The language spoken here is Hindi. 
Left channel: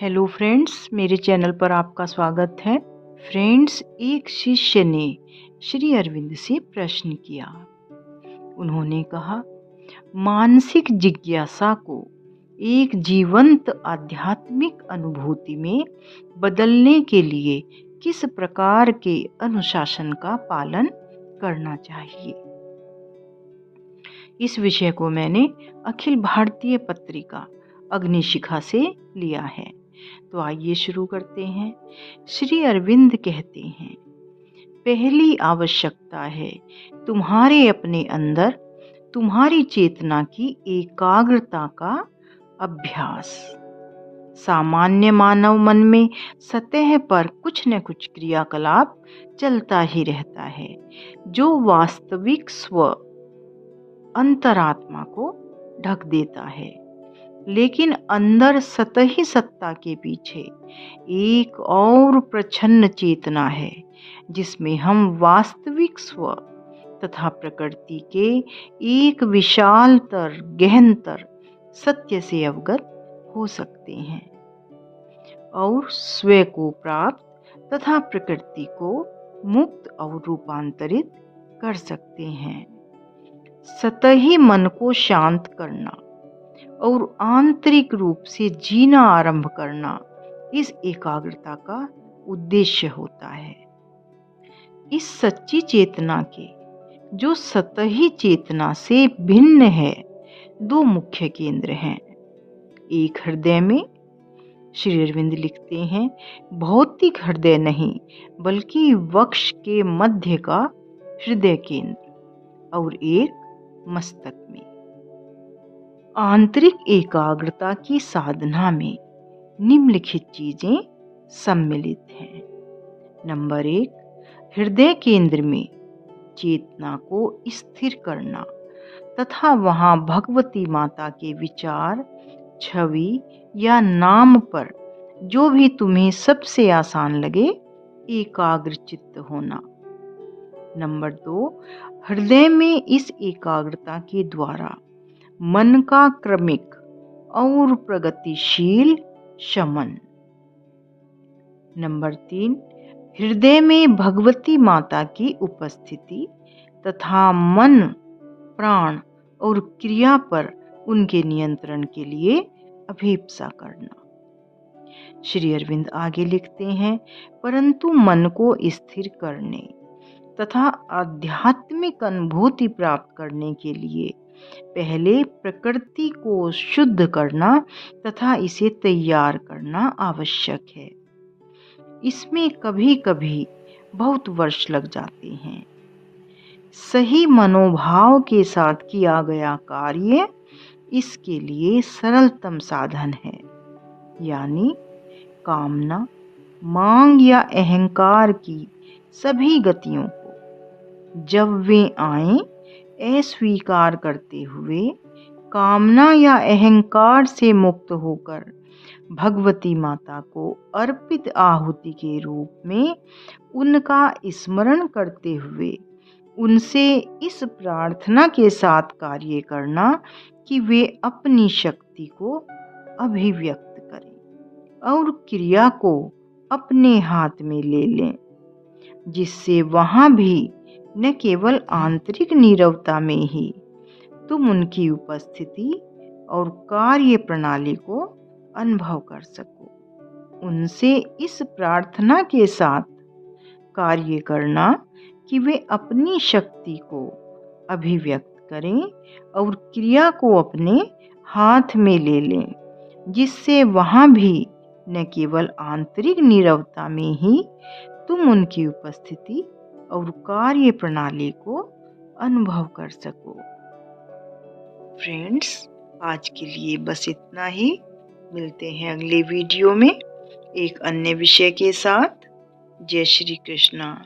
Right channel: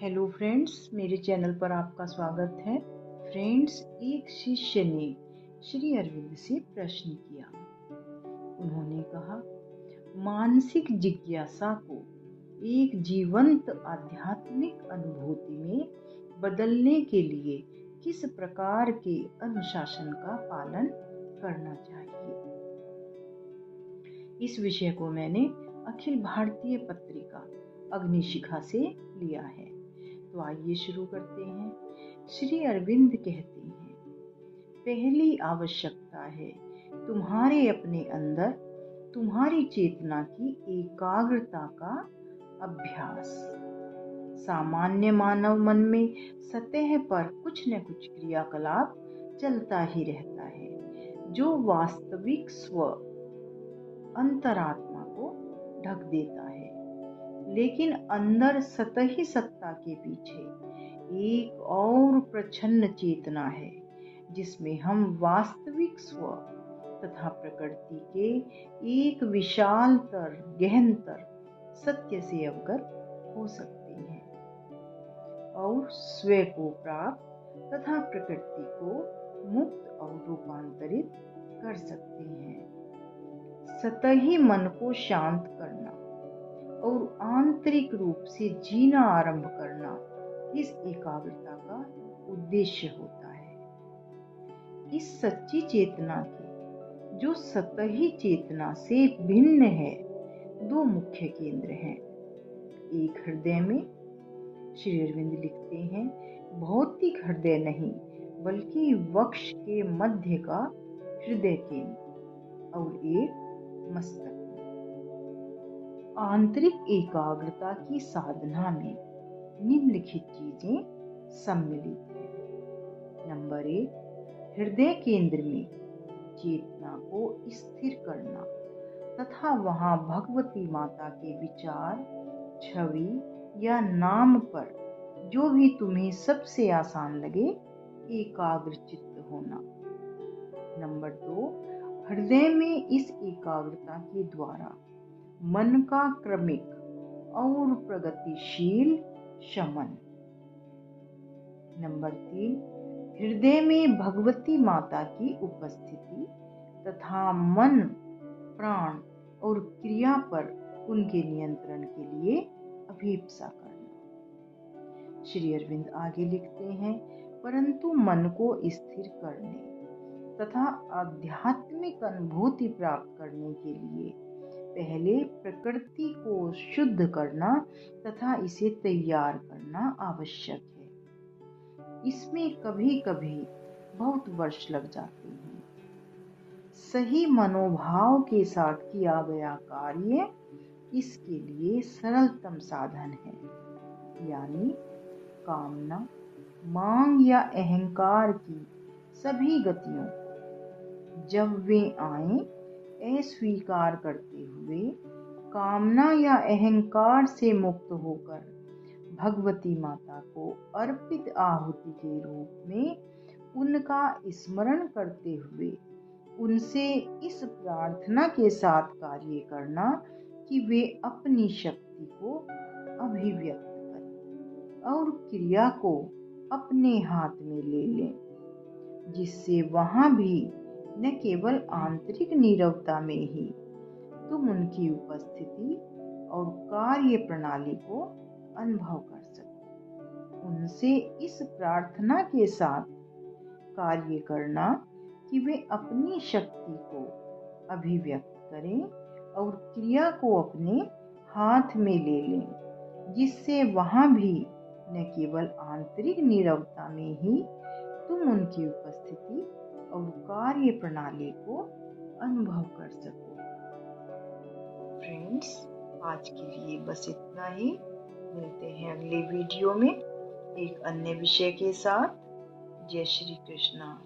हेलो फ्रेंड्स, मेरे चैनल पर आपका स्वागत है। फ्रेंड्स, एक शिष्य ने श्री अरविंद से प्रश्न किया। उन्होंने कहा, मानसिक जिज्ञासा को एक जीवंत आध्यात्मिक अनुभूति में बदलने के लिए किस प्रकार के अनुशासन का पालन करना चाहिए। इस विषय को मैंने अखिल भारतीय पत्रिका अग्निशिखा से लिया है। तो आइए शुरू करते हैं। श्री अरविंद कहते हैं, पहली आवश्यकता है तुम्हारे अपने अंदर तुम्हारी चेतना की एकाग्रता का अभ्यास। सामान्य मानव मन में सतह पर कुछ न कुछ क्रियाकलाप चलता ही रहता है, जो वास्तविक स्व अंतरात्मा को ढक देता है। लेकिन अंदर सतही सत्ता के पीछे एक और प्रच्छन्न चेतना है, जिसमें हम वास्तविक स्व तथा प्रकृति के एक विशालतर गहनतर सत्य से अवगत हो सकते हैं और स्वयं को प्राप्त तथा प्रकृति को मुक्त और रूपांतरित कर सकते हैं। सतही मन को शांत करना और आंतरिक रूप से जीना आरंभ करना इस एकाग्रता का उद्देश्य होता है। इस सच्ची चेतना के, जो सतही चेतना से भिन्न है, दो मुख्य केंद्र हैं। एक हृदय में, श्री अरविंद लिखते हैं, भौतिक हृदय नहीं बल्कि वक्ष के मध्य का हृदय केंद्र, और एक मस्तक में। आंतरिक एकाग्रता की साधना में निम्नलिखित चीजें सम्मिलित हैं। नंबर 1, हृदय केंद्र में चेतना को स्थिर करना तथा वहां भगवती माता के विचार, छवि या नाम पर जो भी तुम्हें सबसे आसान लगे एकाग्र चित्त होना। नंबर 2, हृदय में इस एकाग्रता के द्वारा मन का क्रमिक और प्रगतिशील शमन। नंबर 3, हृदय में भगवती माता की उपस्थिति तथा मन, प्राण और क्रिया पर उनके नियंत्रण के लिए अभिप्सा करना। श्री अरविंद आगे लिखते हैं, परंतु मन को स्थिर करने तथा आध्यात्मिक अनुभूति प्राप्त करने के लिए पहले प्रकृति को शुद्ध करना तथा इसे तैयार करना आवश्यक है। इसमें कभी कभी बहुत वर्ष लग जाते हैं। सही मनोभाव के साथ किया गया कार्य इसके लिए सरलतम साधन है, यानी कामना, मांग या अहंकार की सभी गतियों को जब वे आए अस्वीकार करते हुए कामना या अहंकार से मुक्त होकर भगवती माता को अर्पित आहुति के रूप में उनका स्मरण करते हुए उनसे इस प्रार्थना के साथ कार्य करना कि वे अपनी शक्ति को अभिव्यक्त करें और क्रिया को अपने हाथ में ले लें, जिससे वहां भी न केवल आंतरिक नीरवता में ही तुम उनकी उपस्थिति और कार्य प्रणाली को अनुभव कर सको। उनसे इस प्रार्थना के साथ कार्य करना कि वे अपनी शक्ति को अभिव्यक्त करें और क्रिया को अपने हाथ में ले लें, जिससे वहां भी न केवल आंतरिक नीरवता में ही तुम उनकी उपस्थिति और कार्य प्रणाली को अनुभव कर सको। फ्रेंड्स, आज के लिए बस इतना ही। मिलते हैं अगले वीडियो में एक अन्य विषय के साथ। जय श्री कृष्णा।